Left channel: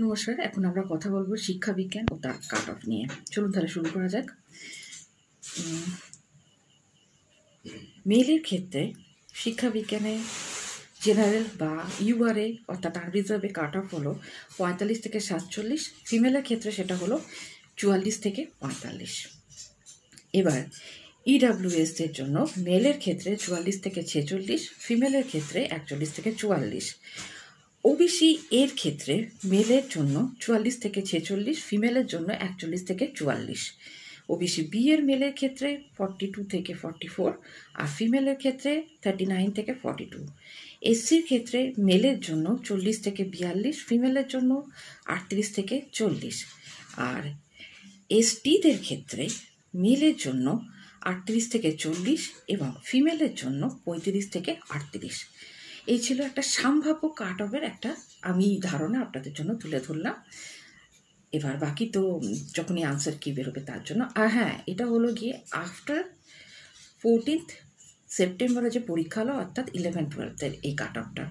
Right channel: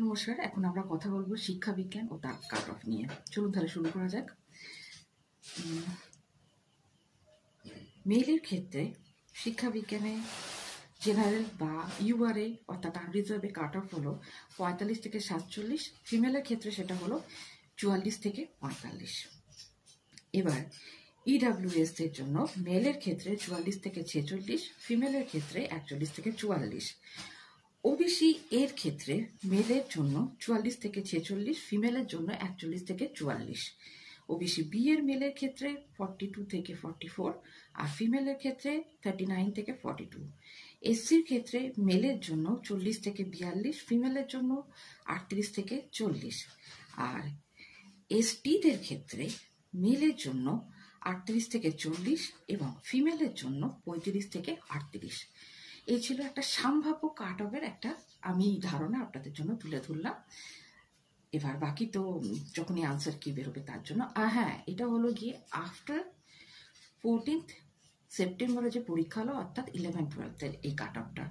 নমস্কার, এখন আমরা কথা বলবো শিক্ষা বিজ্ঞান ও তার কাট অফ নিয়ে। চলুন তাহলে শুরু করা যাক। মেলের ক্ষেত্রে শিক্ষা বিজ্ঞানে জেনারেল বা ইউআরএ অর্থাৎ আনরিজার্ভে কাট অফ হলো 45 থেকে 47, ফিমেলের ক্ষেত্রে সেটা হলো 44 থেকে 45। এবার ইডাব্লিউএস এর জন্য মেলের ক্ষেত্রে 44 থেকে 46, ফিমেলের ক্ষেত্রে 41 থেকে 44। ওবিসি এর ক্ষেত্রে মেলের জন্য 44 থেকে 46, ফিমেলের জন্য 41 থেকে 44। ওবিসি বি এর মেলের ক্ষেত্রে 42 থেকে 44 আর ফিমেলের ক্ষেত্রে 39 থেকে 42। এসসির ক্ষেত্রে মেলের জন্য 40 থেকে 42, ফিমেলের জন্য 38 থেকে 40। আর এসটিদের ক্ষেত্রে মেলের জন্য 38 থেকে 40 এবং ফিমেলের জন্য 35 থেকে 38। এই ছিল একটা সম্ভাব্য কাট অফের একটা আমি ধারণা আপনাদের জন্য তুলে ধরলাম। এবার বাকি তো যখনই আনসার কি বেরোবে তার জন্য। হ্যাঁ, এটা হলো গিয়ে আফটার 14 সেপ্টেম্বরে যে পরীক্ষা হলো অর্থাৎ 11-12 এই কাট অফটা।